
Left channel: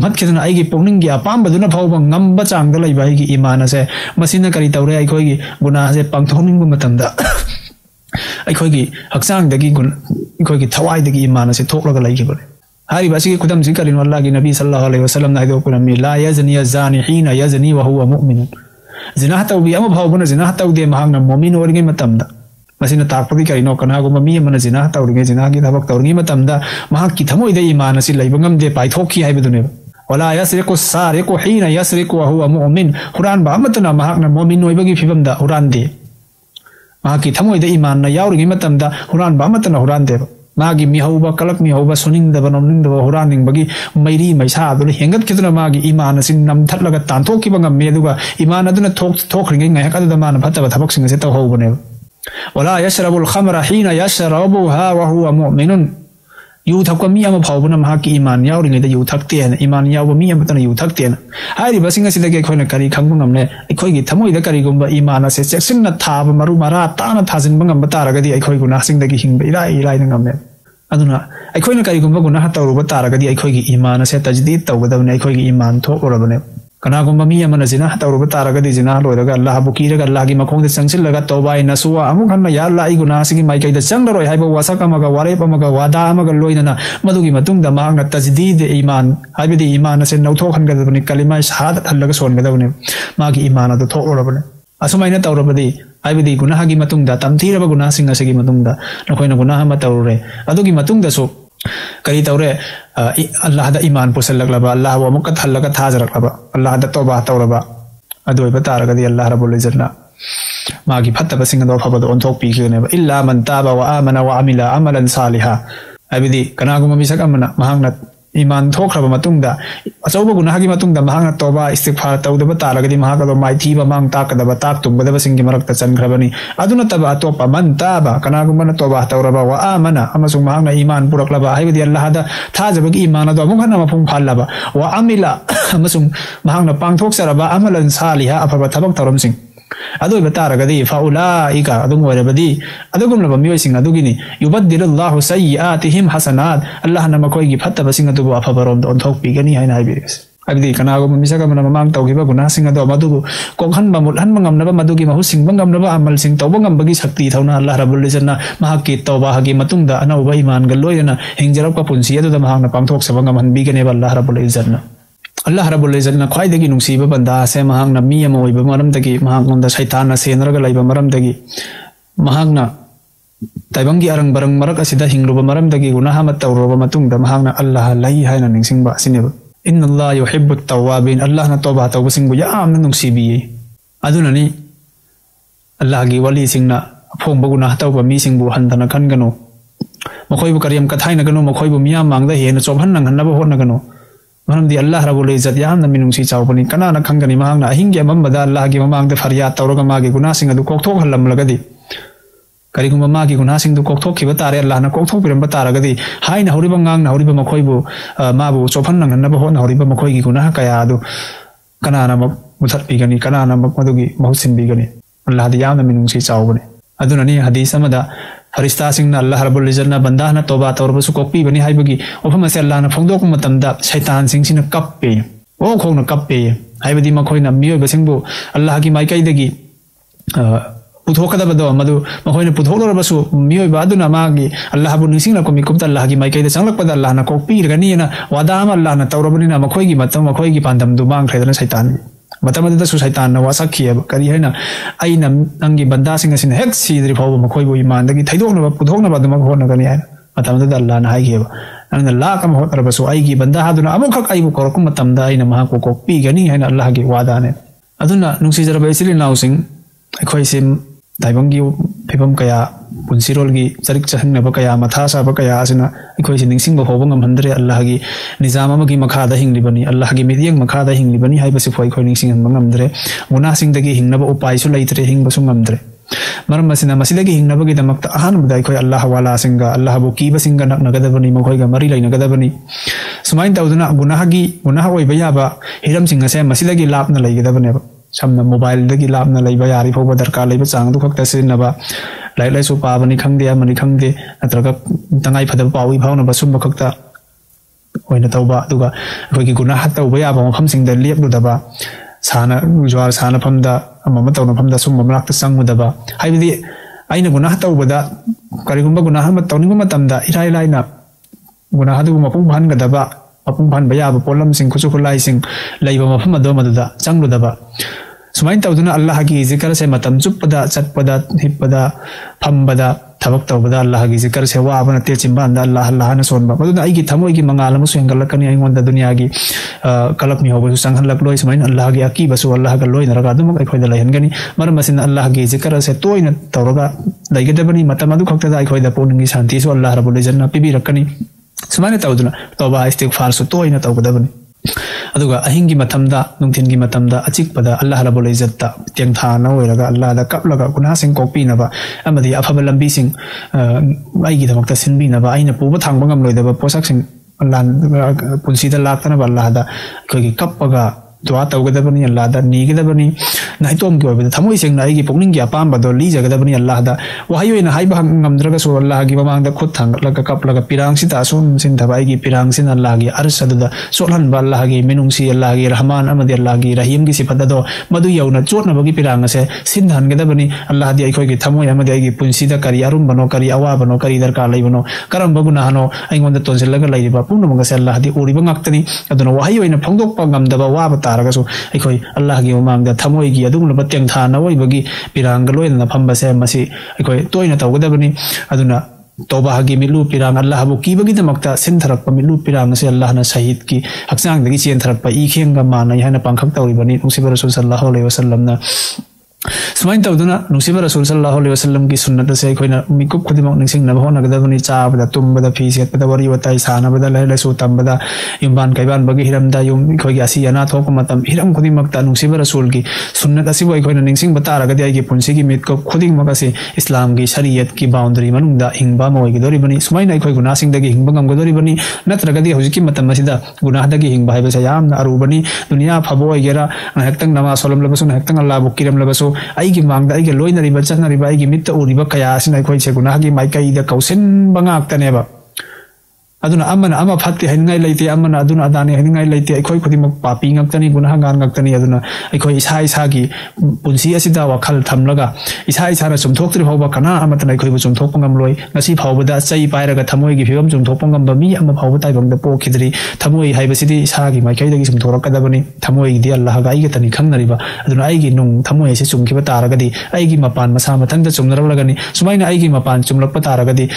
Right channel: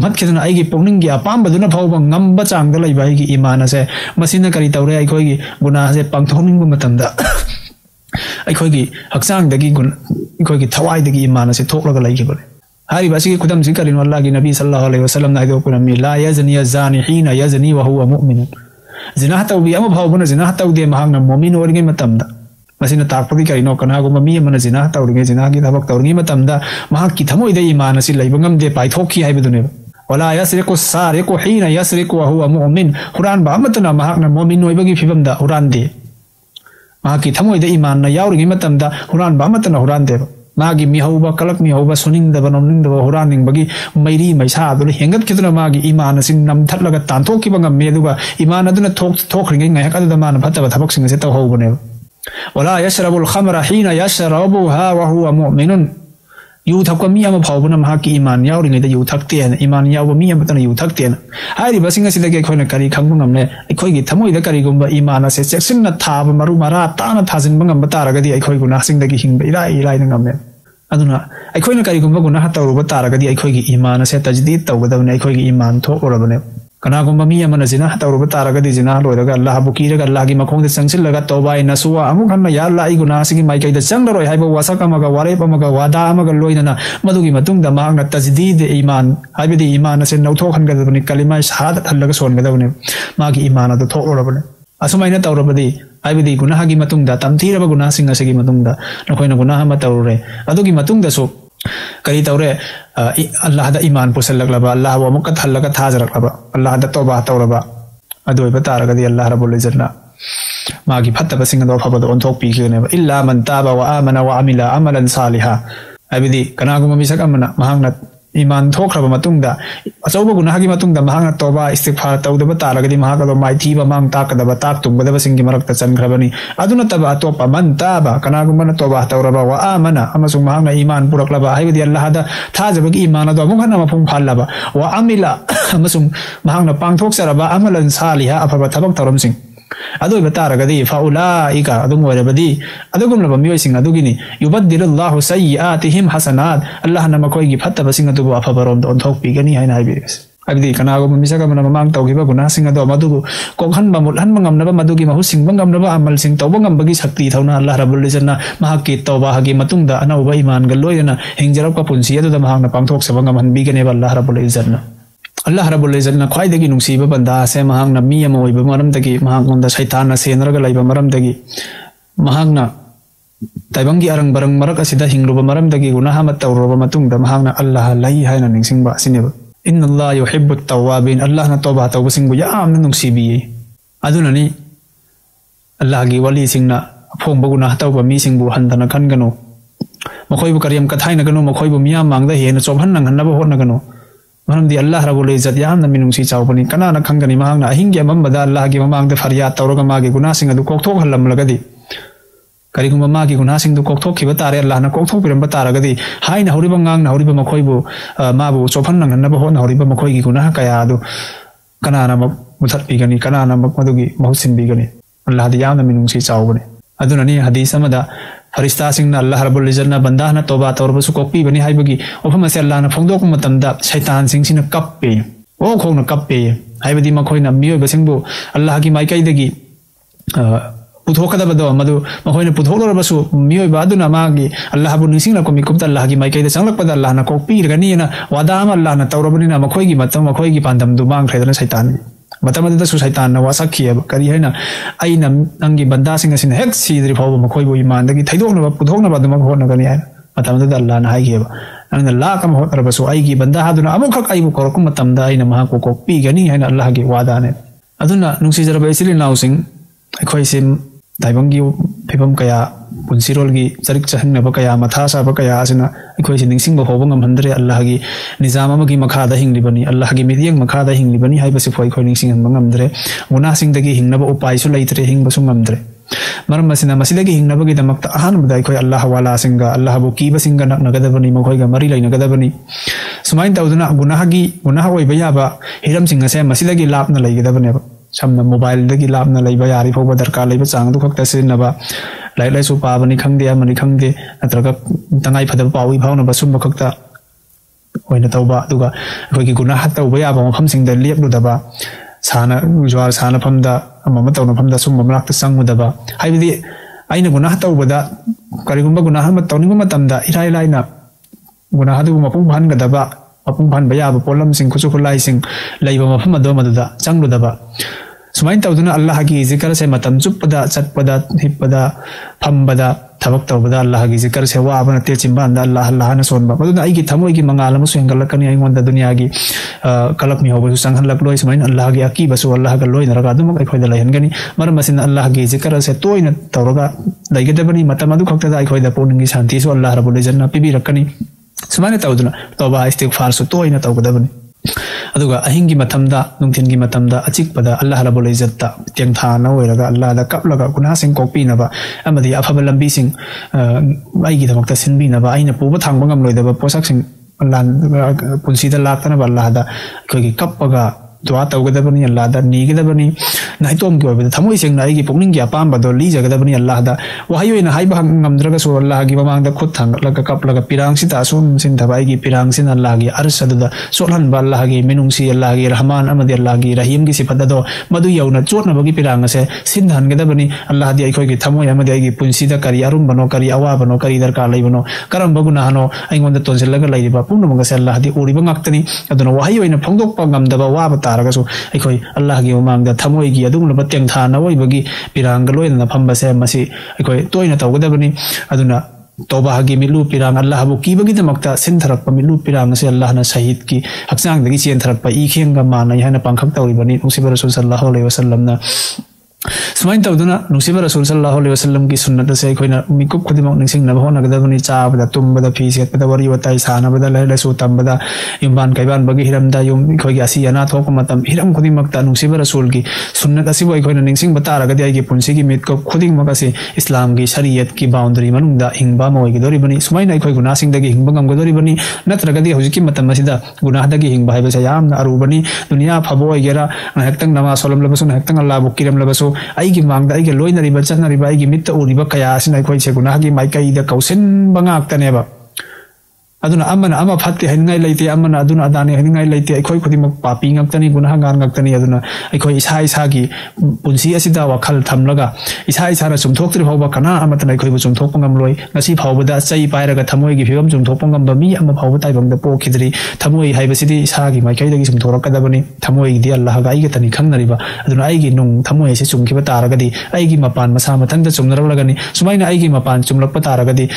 mat kiduna ai gi pawning gi apam baduna phawba ngamba chang da lai bai gi iman ase masina kari tawre ai gi guna ase pangthoming bu matamda ai gi haksang dagi gi thawai dagi iman ase thoklaga lai gi bane hari basi kudam sing kalin wallahi nabi sallallahu alaihi wasallam na do kuram la yazni yazani hina yazni wa huwa mu'min zina tawbi am phawbuna zina tawde mahang mu'min ori gi matamda masina takpagi kai no kana guma mi mana zina tawri zina gi dabak tawri matamda mahak ki thamoi da iman asi laibangam je pai thokki ai budune wala yasriqu sariqu hina yasriqu wa huwa mu'min quran ba amatna mahak na mu'min noi bagi phibam da quran de mahak ki thamoi da iman na yauri gi matamda quran ba amatna quran de nagi mi hauba kalak mi hauba suning da banomling da quran ning bagi mairi maisa ban hengat kidna magi iman asin nam thatlaga tanthokki bangam me duga iman aduna thokri ngai hakal da man phatta thamak sing se taw hobune ولا يشرب الخمر حين يشربها وهو مؤمن يوثق مي أما فاوبنا مهاك إيمان ياوري نيدا يوثقتين إيمان ياور مي أما تنا يوثقتين هاي بسنگ سيدك كونا كاري خنگم نمنا كوي تموي دا كاري گومبا إيمان سي سنگ ثاب مرو مرا تانا ثازن بنگم بتارگدي كوي گنا سنگ دگي هينگ لا نمنا aduna أكوي نكاري گومبا گنا هتاو بتارگدي كوي إيمان سي تجديد تاوداونا كوي إيمان تو أولمنا kana gumba mi amana zina hataru batara gadi zina loiraga Allah bu kira ga Allah gi makong de sangsil laga toba ina suwa amu kanna ya Allah i guna sigi mai kai da sangro hai ba wasa kama ga ware pa maga wada maga loina madugi matung da ma nga tajdid iman ai bi iman se nauto khan ga bani kalima shahada thalaga son ga bani ma gi iman da tho ora bani असुमाइना तौरबदी आइबदी गुनाहगी मतुंगदा तमथीरबा गुनाहसिंग असगी मतुंगदा नखोइना गुनाह मा तौरे अदुगी मतुंगदसु कई तौरे अल्लाह दा ईमान पुसलकलबा अल्लाह वा मुक थल्लगा थाजरकलबा अल्लाह दा तौबा तौरबा अदुइबा तारगदी अल्लाह रब्बुल इज्जतना मागी फत्तबसिंग दो फबदु ओंथोक पीजेनेबा इल्ला मन ताबा वा आमना वा अमिला अमलन सालिहा आइबदी कनागुमा मिसक अमना महांगना ईमान थोखरबा मतुंगदा अचौबा गुनाहगी मतुंगदा महांगा तौबा इस्तिगफार तौदबा तारगदी महांगा माइथीबा मांग ताकदबा ताक तुंबदबा सिंगी मरक्ता चनखरबनी अदुना तबा तोपा मन ताबा कनागुमा तौबा तौरबा वा आमना अमसुंग महांगा ईमान पुरकलबा आइबदी अल्लाह दा थाजबगी ईमान अदो मुगना मफुम फालबा वा अमिला अमसुंग महांगा पांगथोकसरबा अमलन सालिहा अफबा थबक तौरमसिंग अदो बतारगदी फाउलाइका अदुम वरबदी अदुगुम लब मियोइसिंग अदुगिनी युबद्दिलुल्लाहु सय्यिआतिहिम हसनात अल्लाह न मखोइगी फत्तबसिंग अदुबु अफबरम थोकपिगनी हाइना हाइबिस अदि कनागुम मिसगा मन ममांग तौगिबा गुनाहसिंग अदो मदुबु कोंहनबा मुलहनबा ngamnaba मदुगी महुसिंग ngamnaba amalsing tawba ngambagi sakti thawna Allah rabbul izzatna mahaki tawba hagi matungda anauba iman galoyana hingjarap ka punsi adu mahangna pangthok sabang ngamanbigane Allah rabbul izzatna Allah Rabbul Izzatna khwaidagi nungsiba banda se mahangna mi ama oiba maramdagi mahangonda shaitanna senraga laiba maramdagi mahangna taibangi arang barang marak asida hingruba maramdagi gunaha matawruba matungda mahangna Allah lai haina ningsingba asineba inna Allah yuhibbut tawwabin Allah na tawba tawbasingbu yaamna nungsibi adunani Allah gi wali singna phongba gunah tawba mi singbu handana khangano makhoibu kariyam kathaina ganu makhoibu miyam mangda hena chomhanna ganna honna ganu मरमदी अल्लाह रब्बुल इज्जत यामना मिनुंसी चावबनी कनाना खंगनी महांगना अहिंगे अमंबदा अल्लाह की ममांगदे फरियाद तौरगा मागी गुनाहसिंग अदु कोक्थोक हल्लमलगदी करिगुम मागी गुनाहसिंग दु कोक्थोखिबा तारे अल्लाह ना कोक्थोकबिरम तारगदी हाइना हौरिबा ngang हौरिबा मखोइबु माबु चोफन्न गन्नबा होन हौरिबा मखोइगी गुनाह कया अदु कनाना मुथत्पिगनी कनाना मदुगी मौसिंबिगनी अल्लाह दी यामना मिनुंसी चावबनी अदुननी हदीस अमदा फरिश्ता सिंह अल्लाह रब्बुल इज्जतना बंदा ना तौबा तौरबसु कोपी बनी हाइबगी मफम से अल्लाह ना फोंदोक मतमदा शैतान सिंह सिना कप्पे खोंना कप्पे हाइबदी मखोइना मियो सिंहबु अल्लाह की माइकाइदगी पुथोकदबदो मदु मखोइना पुथोनरबसु मियो बादुना मागी अल्लाह बु निसिंगना को मिकुमता अल्लाह की माइकाइदा संगलकपदा अल्लाह ना कोपी रगनीना वादाम अल्लाह ना तौरबनिना मखोइगी मतम मखोइगी पांदम दुमांग खैदना शैतान मतमदा शैतान न वासखियब करी हैना आइना नंगी बंदा सिंह सिन हेक सीद्रि फाव मखोइबु ईमानदगी थैदोकनबा पुथोकनबा दम होनगनी है मतमदा अल्लाह ना हाइगेबा नंग लाकम होरबसु आइगी बंदा हादुना अमुखक आइबु कोरकम मतमदा आइना महाको को पीगनी हैना अल्लाह के वादाने अदुना नुसिजरबा सिलि नाउसिंग अखोइसिम दाइबंगी फिबम कया पुंसिरोलगी चरिक चहन्नबा कया मथासाबा कया असना इखोइसिन निसिंबा फाव ngam अल्लाह की निजाम अमगी मखादा हिंगलिबनी अल्लाह की मिदियंग मखादा हिंगलिबनी हाइबसु फाइन खोइनिसिंग ngamdre उनासिंगदगी हिंगनबा उपाय सो लैत्रि हिंगबसु ngamdre मरम मसिना मसिदगी हिंगनबगी दमक्ता अहानबदा इखोइ अल्लाह वाला सिंगा अल्लाह बु कीबसिंग नगदबनी मखोइगा मरि लैनगदबनी सुमाइन तौदुना गुनाह ओइबा याबा इरमसिंग से मसिदगी लापना लैगदबने samna mobile dagi lapna laiba yari foba darkar laiba chang du khakta senaba lai su pabani khangde amani khangde natraga tangai phadam pawi bhauna basum khakta hoina tauba duga hoigi guna hat tauba ya ba pham sing de lep du daba sana ujwar sana phamda amaba tawna phamda sum mamrak ta sang daba haibidi aina guna hat tauba da karigumba guna ha mat tawni ma tamda ilai lai na guna hadu ma pu man ga daba apun ban baya bu polam sing khoso kholai sing laiba ma pham do ma da chang du daba सुमाइन तौदुना अल्लाह की जिक्र से मतम चुपदा चटपदा हिपदा फमबदा थबक तौबदा अल्लाह की जिक्र से वाबना ते चिंबांदा अल्लाह अल्लाह न सोनबा मदुना आइगी थमोई की मंगाल म सेंगलकनी आइंगोंदा दुनिया की कलकनी होबसु संगलक लोय सुमाइन अल्लाह की अकी बसु अल्लाह का लोय धरगा तुम कोइ खोइदा लयनगनी मरम मसिन अल्लाह की जिक्र से तोइन तौरगा लैगदबनी मतम अदु खक्तदा आइ खोइदा पुनंगी शांति सो अल्लाह रब्बुल इज्जत पिबी रखनी सुमाइन तौदुना तौबा इस्तिगफार सु तोइन तौगदबनी अदुगा अहिंगी मतमदा नुंथिनगी मतमदा अचिकपदा अल्लाह रब्बुल इज्जतता तेंथाना ओइरगा अल्लाह दा कपलगा गुनाहसिंग कोपीनबा अमदि अफबा लंबीसिंग वाइगी दमकता सिनबीनबा आइना पुबा थांबा ngamloidaba पोसाकसिंग अल्लाह पुंसीदा लाक्तनबा अल्लाह दा कगी कपपगा दुआ तौगदबनी अल्लाह दा नीगदबनी नाइतोम के ओबदा थमोइ सेंग नाइगी पुकनिंग की अपाम बदो ली जगदबनी अल्लाह दा वहायोइना हाइबा ngamद्रगा सो अल्लाह की बमांग दा खुद थांगलगा कपलगा पिरांगसि तासोम सिन थबाइगी पिरांगसिन अल्लाह की अरसददा सोहन बा अल्लाह की मिनुंगसी अल्लाह की रहमान अमदि अल्लाह की रहीम की सिफत दो मदु यौना चोट नमगी पिरांग से सिन हनगदबनी अल्लाह दी आइखोइ की थमोइ अमदि आइगी पुंसीदा करी अरुम बनो करी अवा बनो करी दरकार लै बनो करम बगुना हनो आइंगोंदा तोंसिलगा लैबा पुनमगा से अल्लाह दी ओरिबा ngakतरी अदुना वहायोइना फोंगोक पंगम दबा वाबता तारगसु अखोई अल्लाह की ममांगदा थमोई की अदुगुलबा तेंथाना ओइबगी पिरांग लोइना फंबसे मसी अखोई तोइना तौगदबनी अदुना तौबा की मिलू पिरान अल्लाह बु कीबगी दमक्ता सिंथरप मिलू पिरान सु अल्लाह ना शहीद की हक्सांग दगी चेंथरप ई खेन गा माना याना पंखक तौबनी उसिबर रसूल सल्लल्लाहु अलैहि वसल्लम ना सुमाइन तौदना नुसिबर रसूल सल्लल्लाहु अलैहि वसल्लम की सुन्नत से कोइना मिकुप खदिमक निसिंग नबो नगदबनी चाबदा तुमबदा फीसेतदा वरी वताई सानाबदा लेलेसु तंबदा इमबान कैबान बगी हिरमदा युम खगी असि याना थोक मतम हिरम खुदिमक्ता नुसिबर रसूल की सुन्नत असि वई कोइना निसिंग बतारगदि आइगे पुंसी की मितको खुदिमक असि इस्लाम की शरीयत की बाउंड्री मनुंदा हिंगबा मोइगे दोरिबनी सुमाइन अखोय गुनासिंग दगी हिंगबा गंगदोरिबनी नत्रगदि हुजिकी मतम मसिदा गुनाहदगी हिंगबा हाइबसे याम अरुबनी दुनिया फबो वगैरह हक्तंग नमाज सोलम लबसु हक्तंग अल्लाह बुकिरम लबसु आई मांगदा आई लोइनरिबा चनरिबा आई मित्त उरिबा कया सिना कोइ से गुनाहगी माइकाइदा कौसिन बंगाक्तनेबा अदुना अमना अमा फत्ते हनिंगाई लैते अमना अदुना अदाने हनिंगाई लैते अखोइ खुदिमक पापी ngakतनी गुनाहगार ngakतनी अदुना अखोइ इसा इसा की पुंसी असिदा वखल थमलगा इसा इसा रा सुमथोक्तरि फावबा कना अमतना अखोइ सुमथोक ngamloi ngasi फावबदा चै पाइरगा थमोइ की फिबम सुमथोक ngamba mi ama फावबा ताइबंदा को खिदरि थमोइ हाइबसिदि इसा की माइकाइदगी सुमथोरकदबनी थमोइ दि अल्लाह गा आइगे तनि खंगरिबा अदुना आइगे नुम थमोइ से सुमखिबा तारगदि आइगे मपान मसा मथंगदा सुमनरलगनि सुमाइना आइगे मपान सुमलकपा तारगदि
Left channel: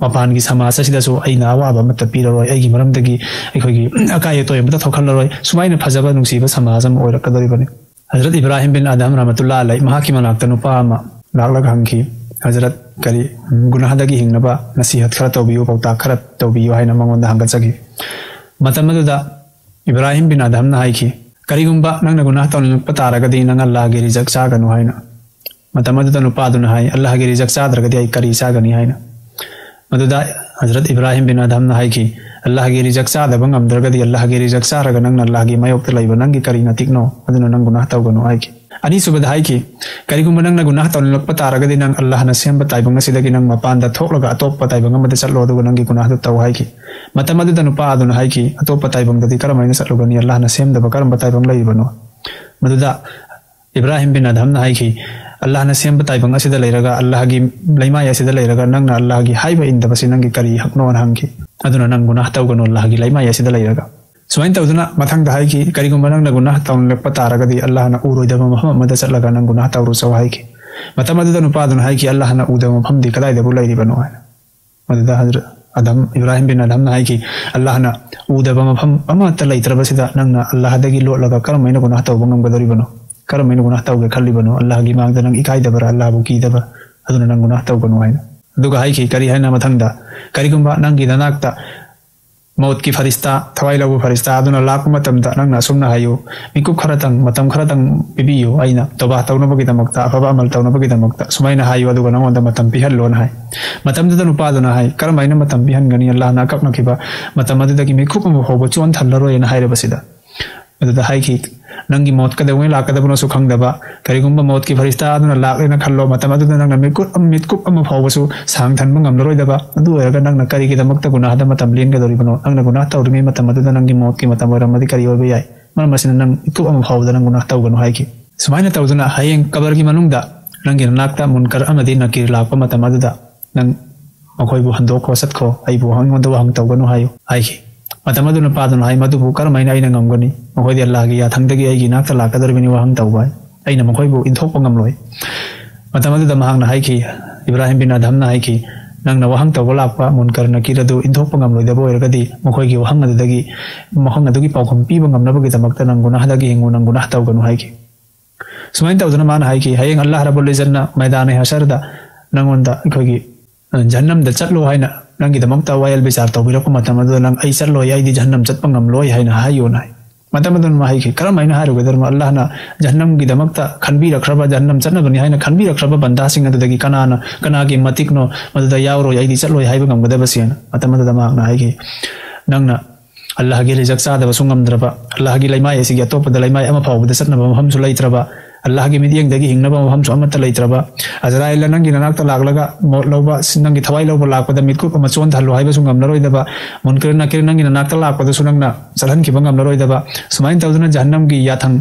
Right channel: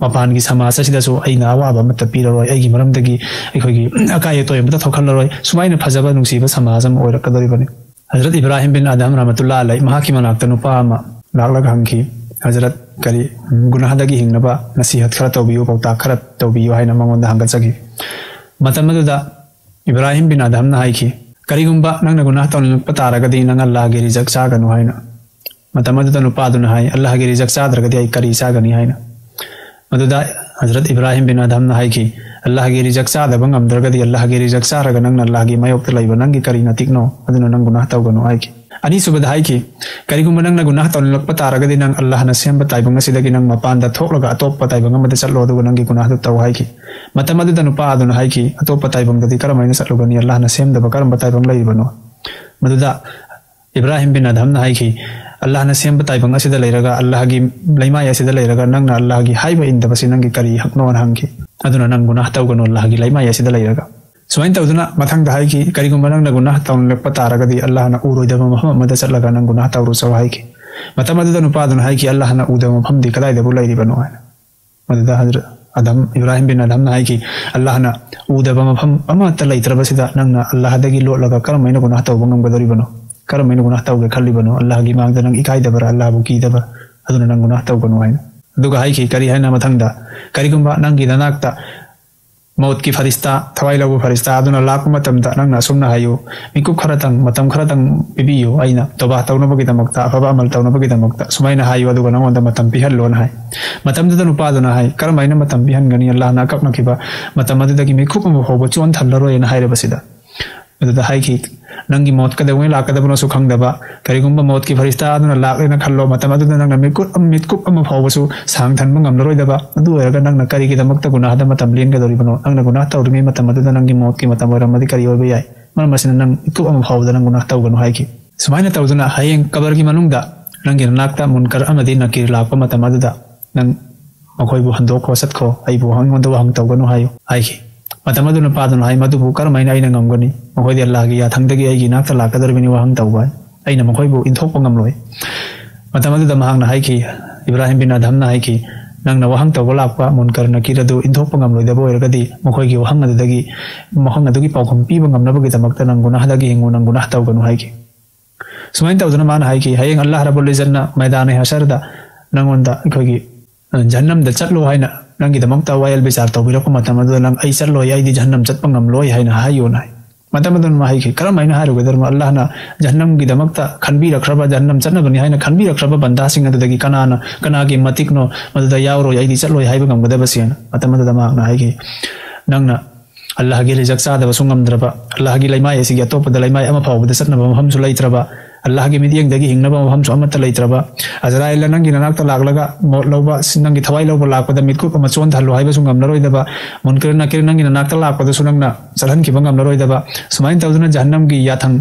मपान की समाज असिदसु अइना अवाबा अमत्ता पिररोय आइगे मरमदगी अखोइगी अकाय तोय अमत्ता थोखलरोय सुमाइना फजबा नुसिबा समाज अम ओइरकदरिबनि हजरत इब्राहिम बिन अदम रहमतुल्लाह अलैहि महाकी मनाक्ता नुपा अमा लागलग हंकी हजरत करी गुनाहदगी हिंगनबा नसीहत खरा तौबियो पौता खरा तौबियो हाइना मंगोंदा हंगचगे मतमदुदा इब्राहिम बिन अदम ना हाइकी करिगुंबा नंगना गुनाह तौलनपा तारगदि नंग अल्लाह गे रिजक चागनु हाइना मतमदुदा नुपादुना हाइ अल्लाह गे रिजक चाद्रगदि आई करी चागनि हाइना मदुदा हजरत इब्राहिम बिन अदम ना हाइकी अल्लाह गे रिजक चादबा ngamdragadi अल्लाह गे रिजक चारगा नंग अल्लाह गे मायोक्ता लाइबा नंग करी नतिकनो अदुना नंग गुनाह तौगनु हाइकी अनि सुबदा हाइकी करिगुंबा नंग गुनाह तौलनपा तारगदि नंग अल्लाह ना सेमबा Taiba ngasiदagi nang mapanda thoklaga atoppa taibang amada chatlo aduga nangi गुनाह दु तौ हाइकी मतमदुदा नुपा अदुना हाइकी atoppa taibang dadi karamaina chatlogani अल्लाह ना सेमदबा karamba taibang laibano मदुदा इब्राहिम बिन अदम ना हाइकी अल्लाह ना सेम बताइबंग असिदा लेरगा अल्लाह की लैमाय असिदा लेरगा नंग अल्लाह की हाइबा इंदबसि नंगी करी हकनो नंगी अदुना नंग गुनाह तौगनो अल्लाह की लैमाय असिदा लेरगा सुइन तौदुना मथंग हाइकी करिगुंबा नंग गुनाह तौलनपा तारगदि अल्लाह ना उरोइदबा महमद चटलगा नंग गुनाह तौरो सव हाइकी मतमदुदा नुपादुना हाइकी अल्लाह ना उदबा फमदे कदाइदबु लैरिबनो मदुदा हजरत अदम इब्राहिम बिन अदम ना हाइकी अल्लाह ना उदबा मफम अमत्ता लैत्रबसिदा नंग अल्लाह दगी लोटलगा करमैना गुनाह तौबा ngambadoribano करमैना गुनाह तौगे खल्लिबनो अल्लाह की मांगदा नंग इकाइदबरा अल्लाह बु कीदबा अदुना नंग गुनाह तौगनो हाइना दुगा हाइकी करी हाइना मथंगदा करिगुंबा नंगी ननाक्ता मौत की फरिश्ता थवाई लबु फरिश्ता अदुना लाख मतम नंगना सुमना हायो मिकु खरतंग मतम खरतंग बिबियो आइना तबा तौनबगी दमक्ता अफबा अमल तौनबगी दमक्ता सुमाइना हायो अदुगा नंगोंदा मतम पिहल्लोन हाय मतम दुदा नुपादुना हाय करमैना मतम बिहनगनी अल्लाह ना कपनकिबा मतम अदुदगी मिकु को होबो चोन थमलरोइना हायरबसिदा अदुदा हाइकी नंगी मौत कदवे लाकदबनो सुखंगदबा करिगुंबा मौत की फरिश्ता अदुना लाकलेना खल्लो मतम अदुदा नंगा मिकु अम होबसु सांग थनबा ngamloroidaba अदु एरगा नंगना करिगी दमक्ता गुनाहदा मतम लेनगदोरिबनो अंगना गुनाह तौदुमे मतम अदुदा नंगी मौत की मतम वरमदि करि ओबे याय मरमसिना नंग इकु अम होबदा नंग गुनाह तौगनो हाइकी सुमाइना तौदुना हयेंग कबर की मनुंगदा रंगे नाक्ता मुनकर अमदि नकीर लाकु मतम अदुदा नंग मखोइबु हंदोखो सतखो आइबु हंगदुगा हंग तौगनो हायो हाइकी मतमदुना पादुना हाइ मदु करमैना आइना ngamgani मखोइदि अल्लाह की याथंगदगी आइगी नाक्ता लाकदरबनि वहम तौबाय आइना मखोइबु इंथोकपा ngamloi मतमदुदा महंगना हाइकी इब्राहिम बिन अदम ना हाइकी नंगना वहम तौबा लाकपा मुनकर नकीरदु इंथोकपा ngamloidaba ओइरगदि मखोइगी वहम अदुदगी महंग अदुगी पाउखम पीबा ngamnabagi damakta nang गुनाहदगी हिंगु नंग गुनाह तौगनु हाइकी सुमाइन तौदुना मान हाइकी हयेंग अल्लाह रब्बुल इज्जतना मैदान हशरदा नंगोंदा अखोइगी जहन्नमदा चटलो हाइना नंगी दमक्ता वायल बिचार तौबिरको मतमदुदा नंग आई चटलोय आइदि जहन्नम चटपा ngamloi हाइना हायोना मतमदुन माहिकी करमैना हारुगदर अल्लाह ना जहन्नम की दमक्ता खनबिरख्रबा जहन्नम चटनबनि हाइना खनबिरख्रबा बंदासिंग अदुदगी कनाना कनागे मतिकनो मदुदा यावरोय आइदि चटलोय हाइबा ngamgadabasen मतमदुदा मागना हाइकी नंगना अल्लाह की रिजक चादबसु ngamdraba अल्लाह की लैमाय एसिगी अतोपदा लैमाय अमा फावबदा चटनबा महमसु लैत्रबा अल्लाह की मिदियंगदगी हिंगनबा महमसु अमत्ता लैत्रबा अजराइल नंगी ननाक्ता लागलगा लौबा नंगी थवाई लौबा लाकपदा मितकु को मचोन थालो हाइबसु ngamnaroidaba मुनकर नकेर नंगी ननाक्ता लाकपदसु नंगना चलहनखिबा ngamnaroidaba सुमाइन तौदुना जहन्नम की याथंग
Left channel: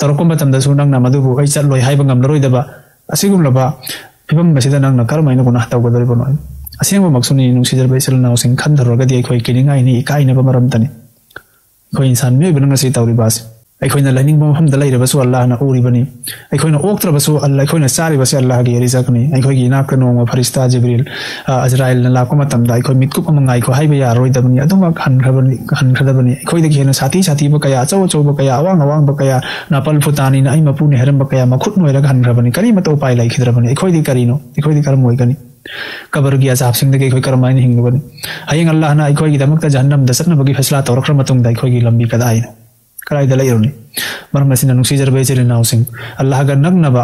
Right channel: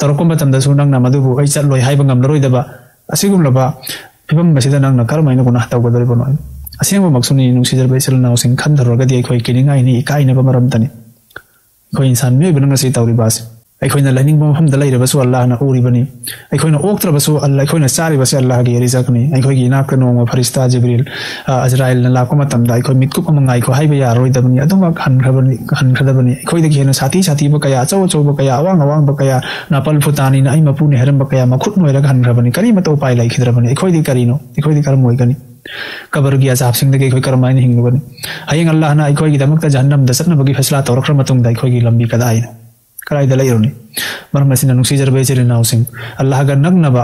तरको मतमदसु नंगना मदुबु आई चटलोय हाइबा ngamnaroidaba असिगुमलबा फिबम मसिदा नंगना करमैना गुनाह तौगदरिबनो असिंग मक्सुनि नुसिदरबै चलनावसिन खंदरगदि अखोइ किनिंगाइनि इकाइनबा मरमतनि ꯑꯩꯈꯣꯏ ꯏꯟꯁꯥꯟ ꯃꯤꯑꯣꯏꯕꯅ ꯉꯁꯤ ꯇꯧꯔꯤꯕꯁꯤ ꯑꯩꯈꯣꯏꯅ ꯂꯩꯅꯤꯡꯕ ꯃꯐꯝꯗ ꯂꯩꯔꯕꯁꯨ ꯑꯜꯂꯥꯍꯅ ꯎꯔꯤꯕꯅꯤ ꯑꯩꯈꯣꯏꯅ ꯑꯣꯛꯇ꯭ꯔꯕꯁꯨ ꯑꯩꯈꯣꯏꯅ ꯆꯥꯔꯤꯕꯁꯤ ꯑꯜꯂꯥꯍꯒꯤ ꯔꯤꯖꯛꯅꯤ ꯑꯩꯈꯣꯏꯒꯤ ꯏꯅꯥꯛꯇ ꯅꯣꯡꯃ ꯐꯔꯤꯁꯇꯥ ꯖꯤꯕ꯭ꯔꯤꯜ ꯑꯖ꯭ꯔꯥꯏꯜꯅ ꯂꯥꯛꯄ ꯃꯇꯝꯗ ꯑꯩꯈꯣꯏ ꯃꯤꯠꯀꯨꯞ ꯑꯃ ꯉꯥꯏꯈꯣ ꯍꯥꯏꯕ ꯌꯥꯔꯣꯏꯗꯕꯅꯤ ꯑꯗꯨꯃꯛ ꯍꯟꯈ꯭ꯔꯗꯕꯅꯤ ꯑꯩꯈꯣꯏꯗꯒꯤ ꯍꯦꯟꯅ ꯁꯥꯊꯤꯕ ꯀꯌꯥ ꯑꯆꯧꯕ ꯀꯌꯥ ꯑꯋꯥꯡꯕ ꯀꯌꯥ ꯅꯥꯄꯜ ꯐꯨꯇꯥꯅꯤꯅ ꯑꯩ ꯃꯄꯨꯅꯤ ꯍꯥꯏꯔꯝꯕ ꯀꯌꯥ ꯃꯈꯨꯠ ꯅꯣꯏꯔꯒ ꯍꯟꯈ꯭ꯔꯕꯅꯤ ꯀꯔꯤꯃꯇ ꯎꯄꯥꯏ ꯂꯩꯈꯤꯗ꯭ꯔꯕꯅꯤ ꯑꯩꯈꯣꯏꯗꯤ ꯀꯔꯤꯅꯣ ꯑꯩꯈꯣꯏꯗꯤ ꯀꯔꯝ ꯑꯣꯏꯒꯅꯤ ꯀꯕꯔꯒꯤ ꯑꯖꯥꯕꯁꯤꯡꯗꯒꯤ ꯑꯩꯈꯣꯏ ꯀꯔꯝꯍꯥꯏꯅ ꯍꯤꯡꯂꯨꯒꯅꯤ ꯍꯌꯦꯡ ꯑꯜꯂꯥꯍꯅ ꯑꯩꯈꯣꯏꯒꯤꯗꯃꯛꯇ ꯖꯍꯟꯅꯝꯗ ꯆꯠꯅꯕꯒꯤ ꯐꯩꯁꯂꯥ ꯇꯧꯔꯛꯈ꯭ꯔ ꯃꯇꯨꯡꯗ ꯑꯩꯈꯣꯏꯒꯤ ꯂꯝꯕꯤ ꯀꯗꯥꯏꯗ ꯂꯩꯔꯨꯅꯤ ꯃꯔꯝ ꯑꯁꯤꯅ ꯅꯨꯡꯁꯤꯖꯔꯕ ꯏꯆꯤꯜ ꯏꯅꯥꯎꯁꯤꯡ ꯑꯜꯂꯥꯍꯒ ꯅꯛꯅꯕ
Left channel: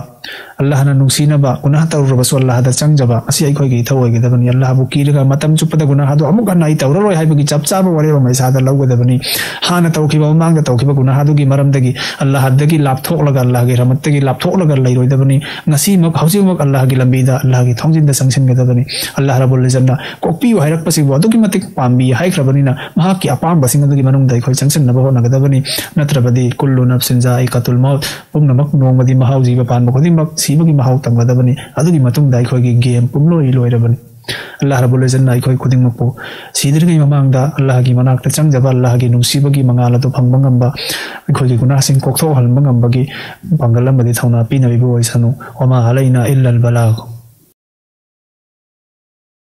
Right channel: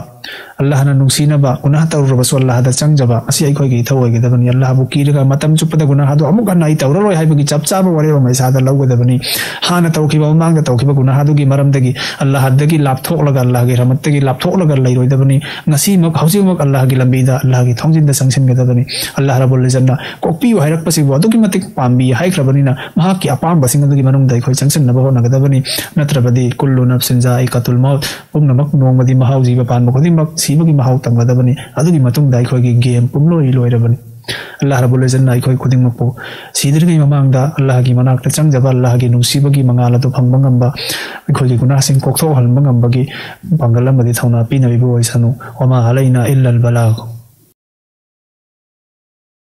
ꯑꯜꯂꯥꯍꯅ ꯅꯨꯡꯁꯤꯅꯕ ꯒꯨꯅꯥꯍ ꯇꯧꯔꯕꯁꯨ ꯑꯜꯂꯥꯍꯗ ꯆꯪꯖꯕ ꯑꯁꯤ ꯑꯩꯈꯣꯏꯒꯤ ꯏꯊꯧ ꯑꯣꯏꯒꯗꯕꯅꯤ ꯑꯜꯂꯥꯍꯕꯨ ꯀꯤꯔꯒ ꯃꯇꯝ ꯆꯨꯞꯄꯗ ꯒꯨꯅꯥꯍꯗꯨ ꯑꯃꯨꯛ ꯍꯟꯅ ꯑꯩ ꯇꯧꯔꯔꯣꯏ ꯍꯥꯏꯕꯒꯤ ꯆꯞ ꯆꯥꯕ ꯋꯥꯔꯦꯞ ꯑꯃ ꯏꯁꯥꯗ ꯂꯧꯒꯗꯕꯅꯤ ꯍꯥꯟꯅ ꯇꯧꯈꯤꯕ ꯃꯃꯥꯡꯗ ꯇꯧꯈꯤꯕ ꯒꯨꯅꯥꯍꯗꯨꯒꯤ ꯃꯔꯝꯗꯒꯤ ꯑꯜꯂꯥꯍꯗꯒꯤ ꯂꯥꯞꯊꯣꯛꯂꯒ ꯑꯜꯂꯥꯍꯒꯤ ꯔꯍꯃꯠꯇꯒꯤ ꯂꯥꯞꯊꯣꯛꯂꯒ ꯂꯩꯔꯣꯏꯗꯕꯅꯤ ꯉꯁꯤꯃꯛ ꯍꯧꯖꯤꯛꯃꯛ ꯑꯜꯂꯥꯍꯒꯤ ꯂꯝꯕꯤꯗ ꯑꯜꯂꯥꯍꯒꯤ ꯊꯣꯡꯖꯤꯟꯗ ꯆꯪꯁꯤꯟꯒꯗꯕꯅꯤ ꯑꯜꯂꯥꯍ ꯔബ്ꯕꯨꯜ ꯏzzatꯅ ꯀꯣꯛꯄꯤꯌꯨ ꯍꯥꯏꯔꯛꯄꯁꯤꯡꯕꯨ ꯑꯗꯨꯛꯀꯤ ꯃꯇꯤꯛ ꯄꯥꯝꯕꯤ ꯍꯥꯏꯈ꯭ꯔꯕꯅꯤꯅ ꯃꯍꯥꯛꯀꯤ ꯑꯄꯥꯝꯕꯁꯤꯡ ꯑꯗꯨꯒꯤ ꯃꯅꯨꯡꯗ ꯑꯩꯈꯣꯏ ꯆꯪꯁꯤꯟꯅꯕ ꯍꯣꯠꯅꯒꯗꯕꯅꯤ ꯅꯠꯇ꯭ꯔꯕꯗꯤ ꯀꯨꯜꯂꯨ ꯅꯐ്സിൻ ꯖാꯏꯀത്തുൽ ꯃꯧꯠ ꯄꯨꯝꯅꯃꯛ ꯅꯣꯡꯃꯗꯤ ꯃꯍꯥꯎ ꯖꯤꯕ ꯄꯥꯟꯕ ꯈꯨꯗꯤꯡꯃꯛ ꯁꯤꯕꯒꯤ ꯃꯍꯥꯎ ꯇꯝꯒꯗꯕꯅꯤ ꯑꯗꯨꯒꯤ ꯃꯇꯨꯡꯗ ꯑꯩꯈꯣꯏꯒꯤ ꯒꯦꯝ ꯄꯨꯝꯂꯣꯏ ꯂꯣꯏꯔꯕꯅꯤ ꯑꯜꯂꯥꯍ ꯔബ്ꯕꯨꯜ ꯏzzatꯅ ꯑꯩꯈꯣꯏ ꯈꯨꯗꯤꯡꯃꯛꯄꯨ ꯁꯤꯗ꯭ꯔꯤꯉꯩ ꯃꯃꯥꯡꯗ ꯑꯜꯂꯥꯍꯒꯤ ꯃꯅꯥꯛꯇ ꯆꯪꯖꯕ ꯑꯜꯂꯥꯍꯒꯤ ꯅꯨꯡꯁꯤꯕꯒꯤ ꯃꯉꯥꯜ ꯑꯗꯨ ꯐꯪꯕ ꯉꯝꯕ ꯑꯩꯈꯣꯏꯒꯤ ꯒꯨꯅꯥꯍꯁꯤꯡ ꯀꯣꯛꯊꯣꯛꯍꯟꯕ ꯉꯝꯕꯒꯤ ꯄꯥꯡꯒꯜ ꯑꯃꯗꯤ ꯊꯧꯅꯥ ꯄꯤꯅꯕꯤꯕ ꯑꯣꯏꯁꯅꯨ ꯋꯃꯥ ꯑꯂꯩꯅꯥ ꯏꯜꯂꯜ ꯕꯂꯥꯒ